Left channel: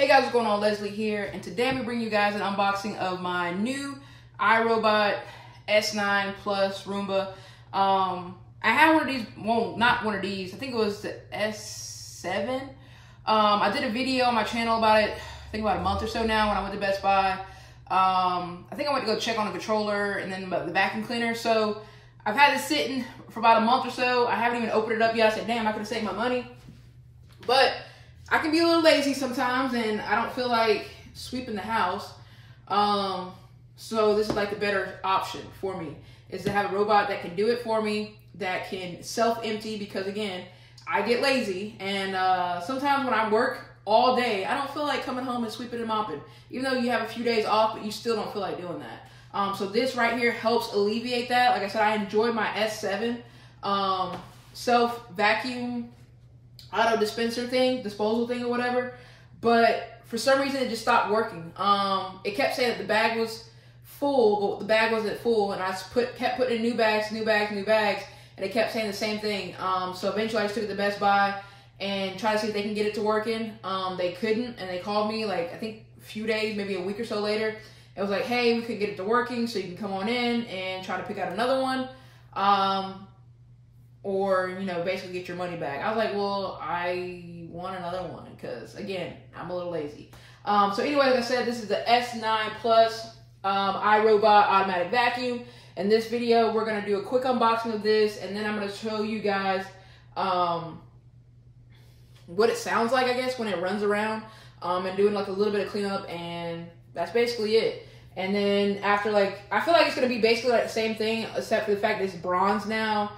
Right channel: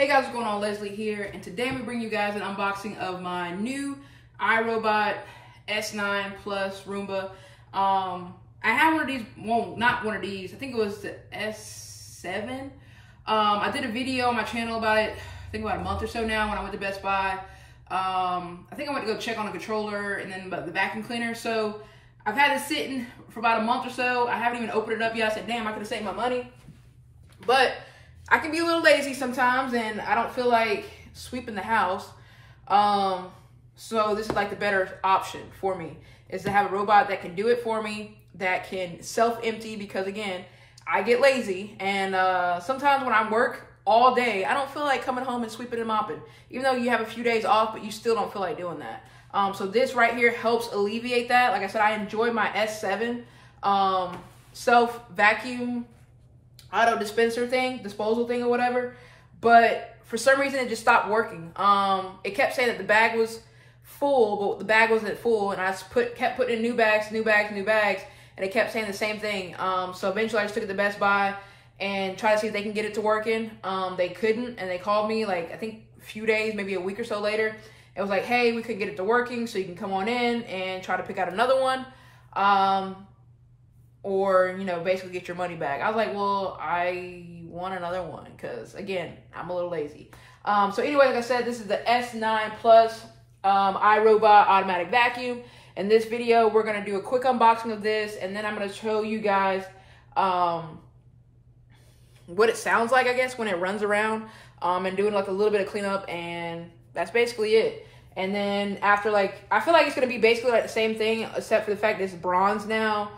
Hey guys, what's going on? Leslie here, and today I'm going to bring you guys an unboxing of my new iRobot S9 Plus Roomba. I had one of these, well, not one of these, I think it was the S7. I did a video on my channel about it, I think about a month or so now when I went to Best Buy. I think I went to go check on the controller and then the vacuum cleaner. So I've had it sitting for about a month or so. I haven't even opened it up yet. I said, damn, I could have saved my money. But I can be a little lazy sometimes and I don't feel like sweeping the house. So this is like the better option for me, is to have a robot that can do it for me, that can self-empty, because again, I get lazy, and sometimes when I work all day, I don't feel like coming home and sweeping and mopping. Even though you have a few days off, but you still don't feel like doing that. So this right here helps alleviate that. Like I said, I enjoy my S7 self-vacuum auto dispenser thing, disposal thing or whatever, but for some reason it just stopped working. It kept saying that the bag was full, but the bag wasn't full, and I kept putting in new bags, and it kept saying the same thing. So eventually I just took it to Best Buy and tried to see if they can get it to working. They couldn't, and they called me like, I think a few days, maybe a week or so later. It was like, hey, we couldn't get it to working, so you can come on in and try to pick out another one. Or, you know, basically get your money back. I was like, well, I want another one because, again, I'm a little lazy. So anyway, like I said, this is the S9 Plus iRobot automatic vacuum. In this video, we're going to do a quick unboxing of this, and then I'm going to show you guys what it sounds like, I guess, when it runs around, and doing like a little bit of cleanup, and that's basically it. And then after, like, I feel like it's going to be basically like the same thing, except for the fact that it's bronze now.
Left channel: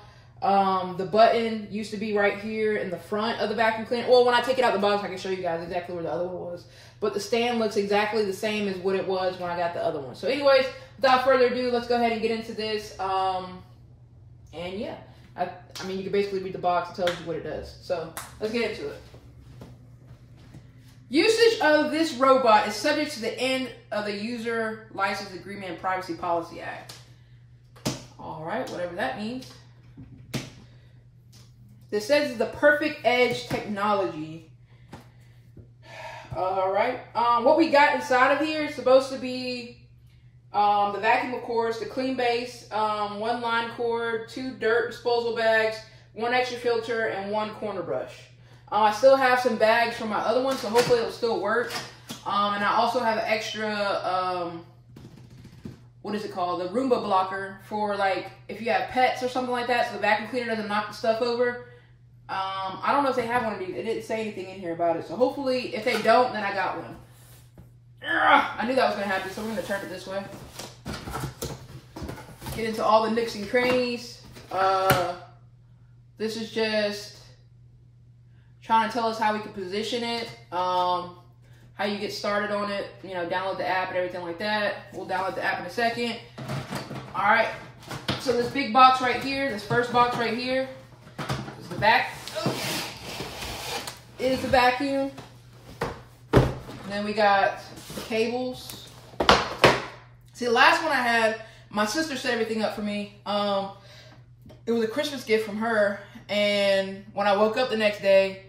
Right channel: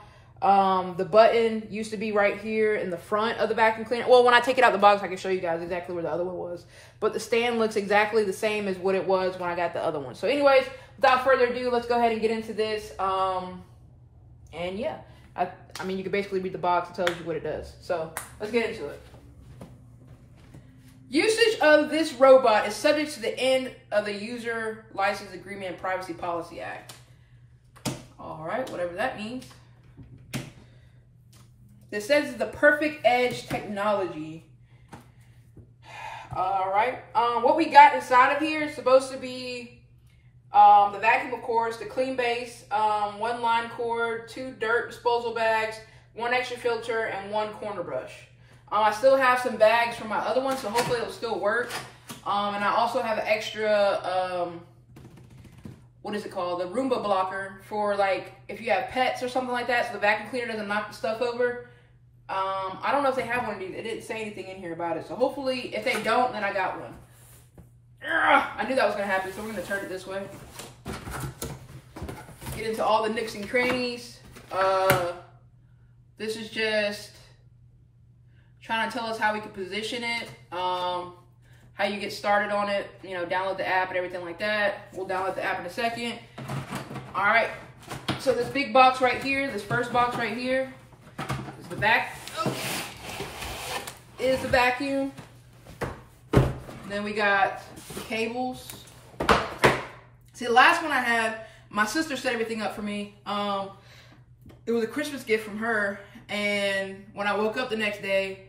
The button used to be right here in the front of the vacuum cleaner. Well, when I take it out the box, I can show you guys exactly where the other one was. But the stand looks exactly the same as what it was when I got the other one. So anyways, without further ado, let's go ahead and get into this. And yeah, I mean, you can basically read the box. It tells you what it does. So let's get into it. Usage of this robot is subject to the end of the User License Agreement and Privacy Policy Act. All right, whatever that means. This says it's the Perfect Edge technology. All right. What we got inside of here is supposed to be the vacuum, of course, the clean base, one line cord, 2 dirt disposal bags, 1 extra filter, and 1 corner brush. I still have some bags from my other one, so hopefully it'll still work. And I also have an extra, what is it called? The Roomba blocker for, like, if you have pets or something like that, so the vacuum cleaner doesn't knock the stuff over. I don't know if they have one of these. It didn't say anything in here about it. So hopefully, if they don't, then I got one. I knew that was going to happen, so we're going to turn it this way. Get into all the nooks and crannies. This is just trying to tell us how we can position it, how you get started on it, you know, download the app and everything like that. We'll download the app in a second. All right. So this big box right here, this first box right here, is the back. Is the vacuum. Then we got the cables. See, the last one I had, my sister set everything up for me. It was a Christmas gift from her, and when I woke up the next day,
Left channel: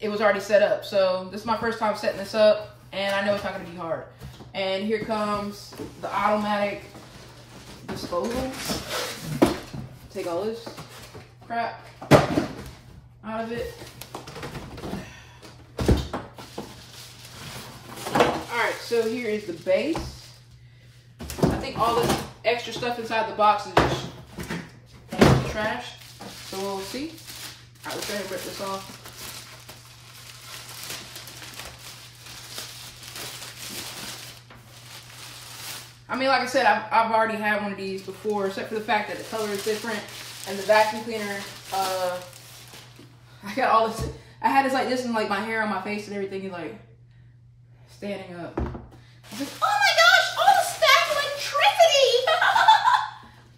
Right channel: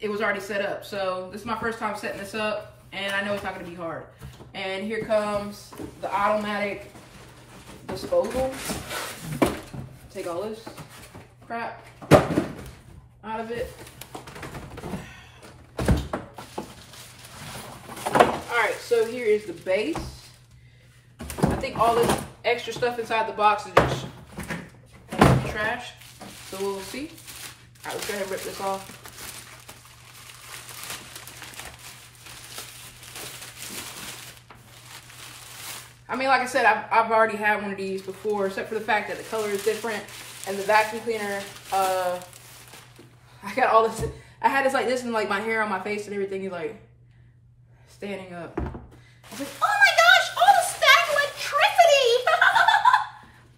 it was already set up. So this is my first time setting this up, and I know it's not going to be hard. And here comes the automatic disposal. Take all this crap out of it. Alright, so here is the base. I think all this extra stuff inside the box is just trash. So we'll see. Alright, let's go ahead and rip this off. I mean, like I said, I've already had one of these before, except for the fact that the color is different. And the vacuum cleaner, I got all this, I had this like this and like my hair on my face and everything, you like standing up. I was like, oh my gosh, all the stacked electricity.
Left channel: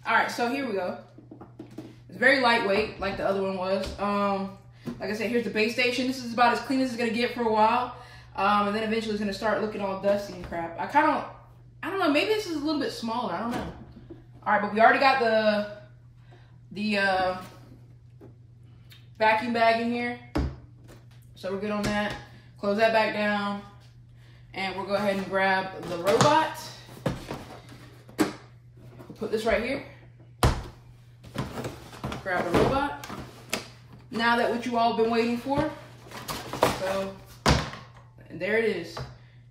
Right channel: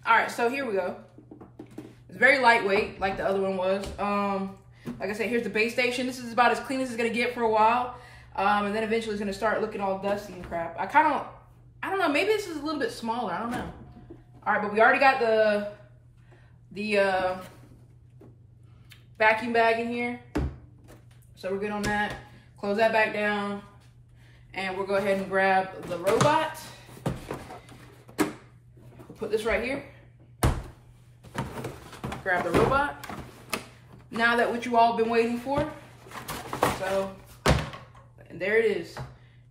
All right, so here we go. It's very lightweight, like the other one was. Like I said, here's the base station. This is about as clean as it's gonna get for a while. And then eventually it's gonna start looking all dusty and crap. I don't know, maybe this is a little bit smaller, I don't know. All right, but we already got the vacuum bag in here. So we're good on that. Close that back down. And we'll go ahead and grab the robot. We'll put this right here. Grab the robot. Now that what you all been waiting for. So, and there it is.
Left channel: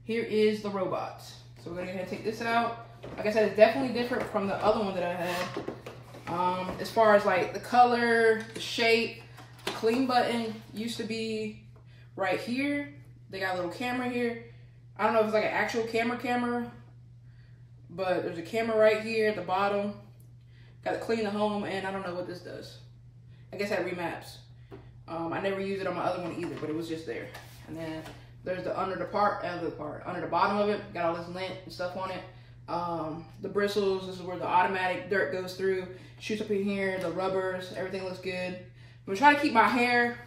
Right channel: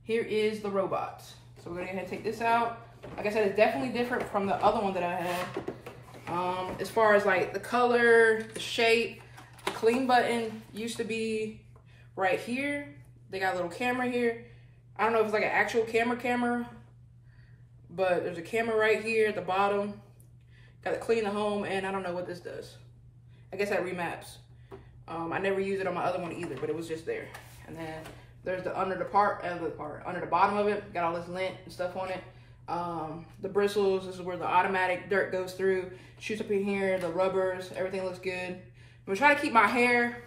Here is the robot. So we're gonna go ahead and take this out. Like I said, it's definitely different from the other one that I had. As far as like the color, the shape, the clean button used to be right here. They got a little camera here. I don't know if it's like an actual camera, but there's a camera right here at the bottom. Got to clean the home, and I don't know what this does. I guess that remaps. I never used it on my other one either, but it was just there. And then there's the under the bottom of it, got all this lint and stuff on it. The bristles, this is where the automatic dirt goes through, shoots up in here, the rubbers, everything looks good. I'm gonna try to keep my hair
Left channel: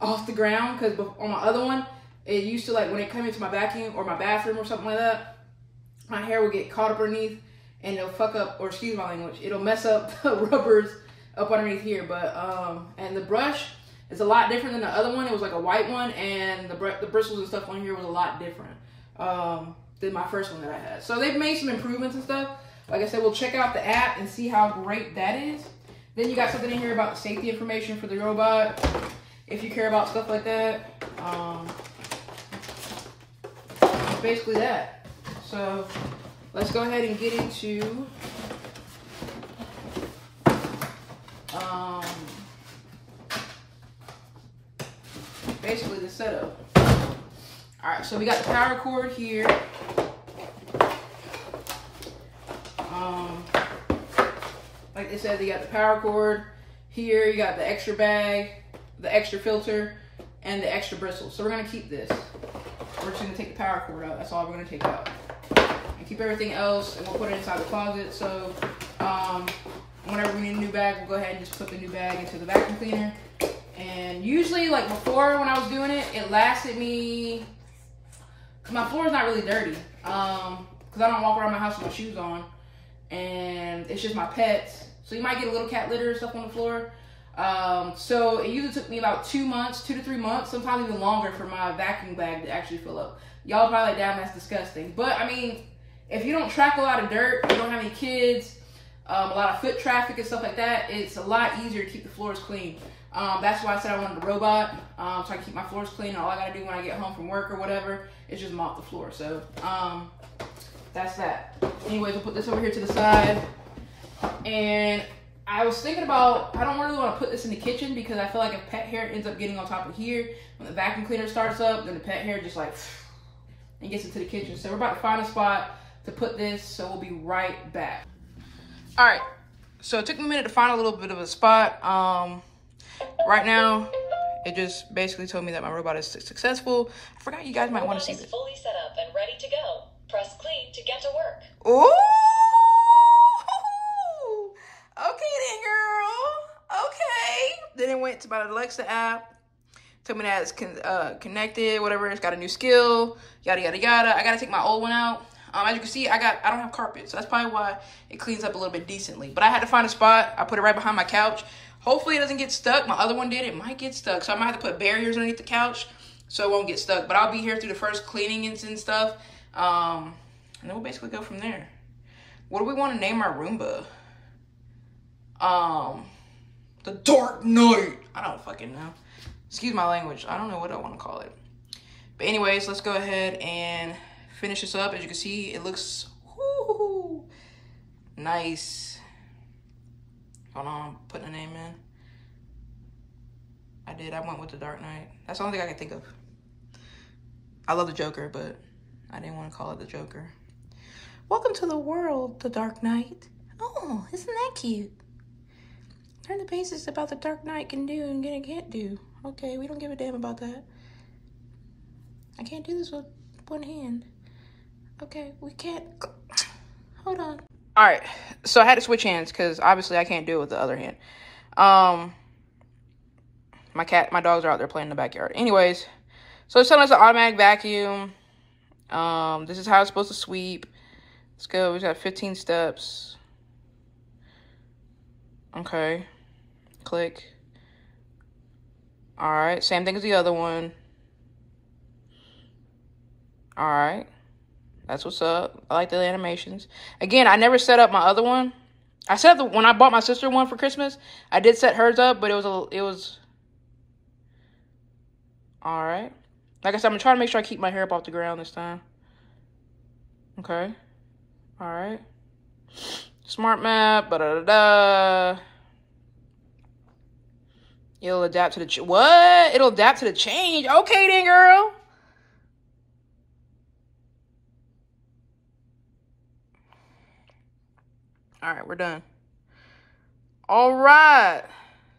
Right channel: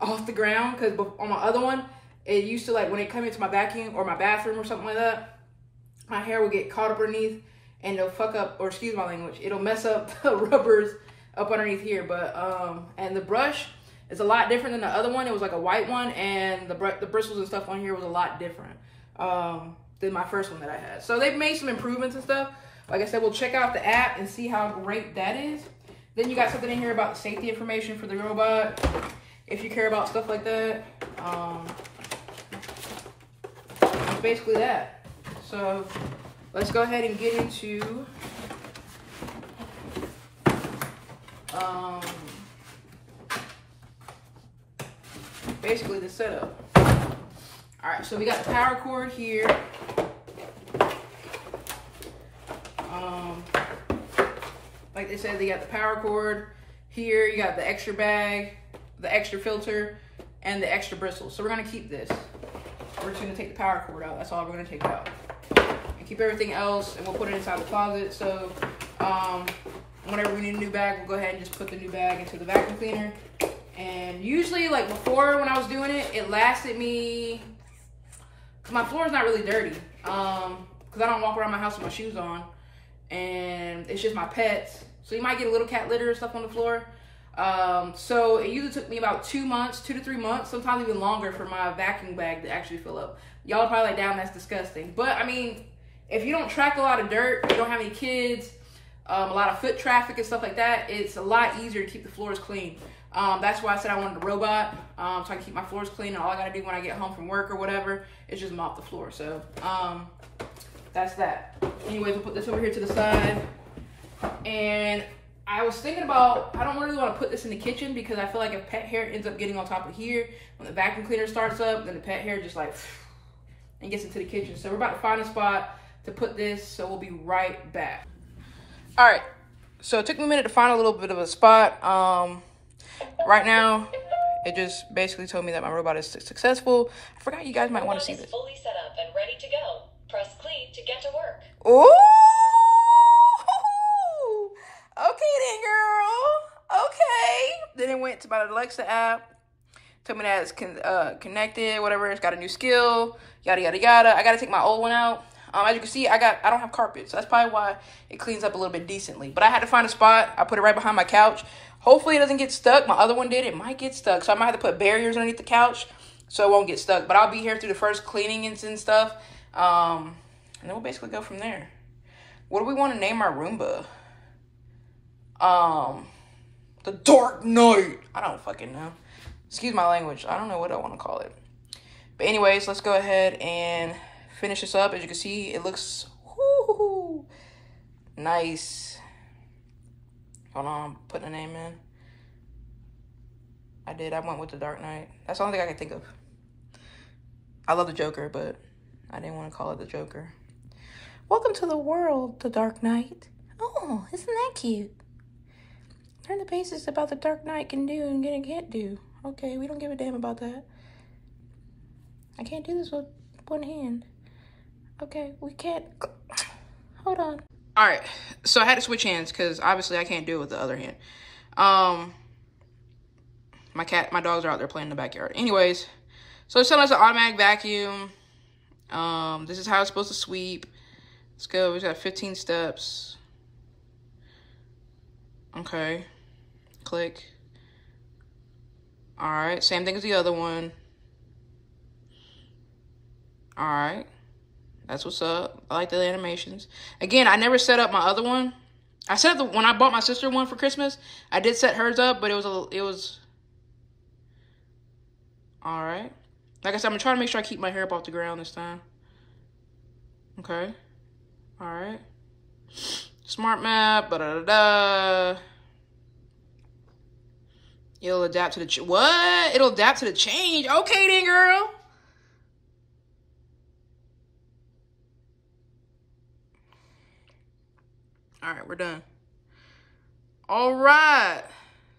off the ground, because on my other one, it used to, like, when it come into my vacuum or my bathroom or something like that, my hair would get caught up underneath and it'll fuck up, or excuse my language, it'll mess up the rubbers up underneath here. But and the brush is a lot different than the other one. It was like a white one, and the bristles and stuff on here was a lot different than my first one that I had. So they've made some improvements and stuff. Like I said, we'll check out the app and see how great that is. Then you got something in here about the safety information for the robot, if you care about stuff like that. It's basically that. So let's go ahead and get into basically the setup. All right, so we got the power cord here. Like they said, they got the power cord here. You got the extra bag, the extra filter, and the extra bristles. So we're gonna keep this. We're just gonna take the power cord out. That's all we're gonna take out. And keep everything else, and we'll put it inside the closet. So whenever we need a new bag, we'll go ahead and just put the new bag into the vacuum cleaner. And usually, like before when I was doing it, it lasted me, because my floor is not really dirty. Because I don't walk around my house with my shoes on. And it's just my pets. So you might get a little cat litter or stuff on the floor. So it usually took me about 2 months, 2 to 3 months, sometimes even longer for my vacuum bag to actually fill up. Y'all probably like, damn, that's disgusting. But I mean, if you don't track a lot of dirt, you don't have any kids, a lot of foot traffic and stuff like that, it's a lot easier to keep the floors clean. That's why I said I wanted a robot, so I can keep my floors clean. And all I gotta do when I get home from work or whatever is just mop the floor. So that's that. Anyways, we'll put this over here to the side. And I was thinking about, I don't really want to put this in the kitchen, because I feel like if pet hair ends up getting on top of here, when the vacuum cleaner starts up, then the pet hair just like and gets into the kitchen. So we're about to find a spot to put this, so we'll be right back. All right, so it took me a minute to find a little bit of a spot. Right now, it just basically told me that my robot is successful. I forgot you guys might want to see this. Fully set up and ready to go. Press clean to get to work. Ooh! Okay then, girl. Okay. Then it went to my Alexa app. Told me that it's connected, whatever. It's got a new skill, yada, yada, yada. I got to take my old one out. As you can see, I don't have carpet, so that's probably why it cleans up a little bit decently. But I had to find a spot. I put it right behind my couch. Hopefully it doesn't get stuck. My other one did. It might get stuck, so I might have to put barriers underneath the couch so it won't get stuck. But I'll be here through the first cleaning and stuff. And then we'll basically go from there. What do we want to name our Roomba? The Dark Knight. I don't fucking know. Excuse my language. I don't know what I want to call it. But anyways, let's go ahead and finish this up. As you can see, it looks nice. Hold on, I'm putting a name in. I went with the Dark Knight. That's the only thing I can think of. I love the Joker, but I didn't want to call it the Joker. Welcome to the world, the Dark Knight. Oh, isn't that cute? Learn the basics about the Dark Knight can do and can't do. Okay, we don't give a damn about that. I can't do this with one hand. Okay, we can't. Hold on. All right, so I had to switch hands because obviously I can't do it with the other hand. My dogs are out there playing in the backyard. Anyways, so it's telling us an automatic vacuum. This is how it's supposed to sweep. Let's go. We got 15 steps. Okay. Click. All right. Same thing as the other one. All right. That's what's up. I like the animations. Again, I never set up my other one. I set up when I bought my sister one for Christmas. I did set hers up, but it was all right. Like I said, I'm gonna try to make sure I keep my hair up off the ground this time. Okay. All right. Smart map. Da-da-da-da. It'll adapt to the what? It'll adapt to the change. Okay then, girl. All right, we're done. All right.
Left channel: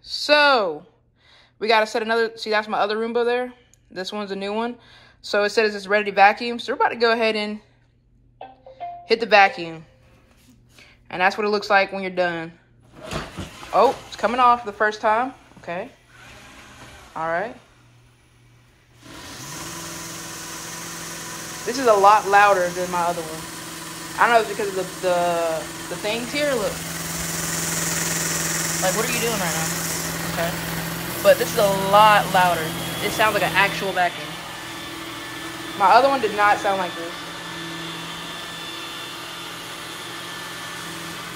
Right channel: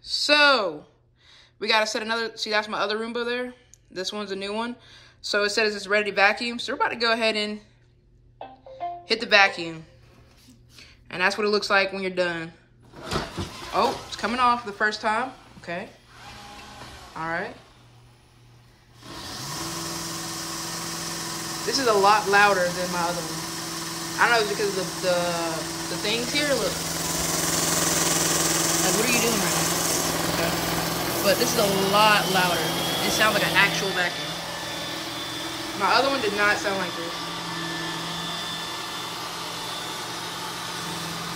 So, we got to set another... See, that's my other Roomba there. This one's a new one. So, it says it's ready to vacuum. So, we're about to go ahead and hit the vacuum. And that's what it looks like when you're done. Oh, it's coming off the first time. Okay. All right. This is a lot louder than my other one. I don't know if it's because of the things here. Look. Like, what are you doing right now? Okay. But this is a lot louder. It sounds like an actual vacuum. My other one did not sound like this.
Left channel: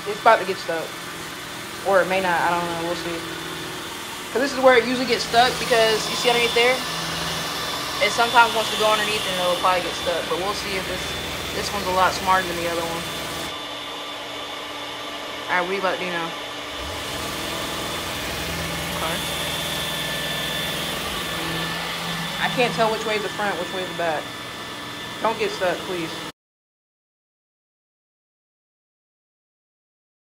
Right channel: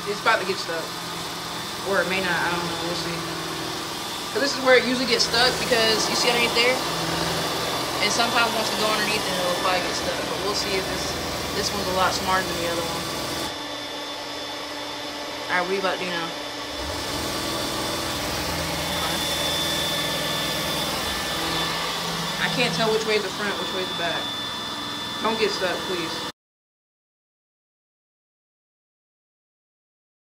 It's about to get stuck. Or it may not. I don't know. We'll see. Because this is where it usually gets stuck, because you see underneath there? It sometimes wants to go underneath and it'll probably get stuck. But we'll see if this one's a lot smarter than the other one. Alright, what are you about to do now? Okay. I can't tell which way is the front, which way is the back. Don't get stuck, please.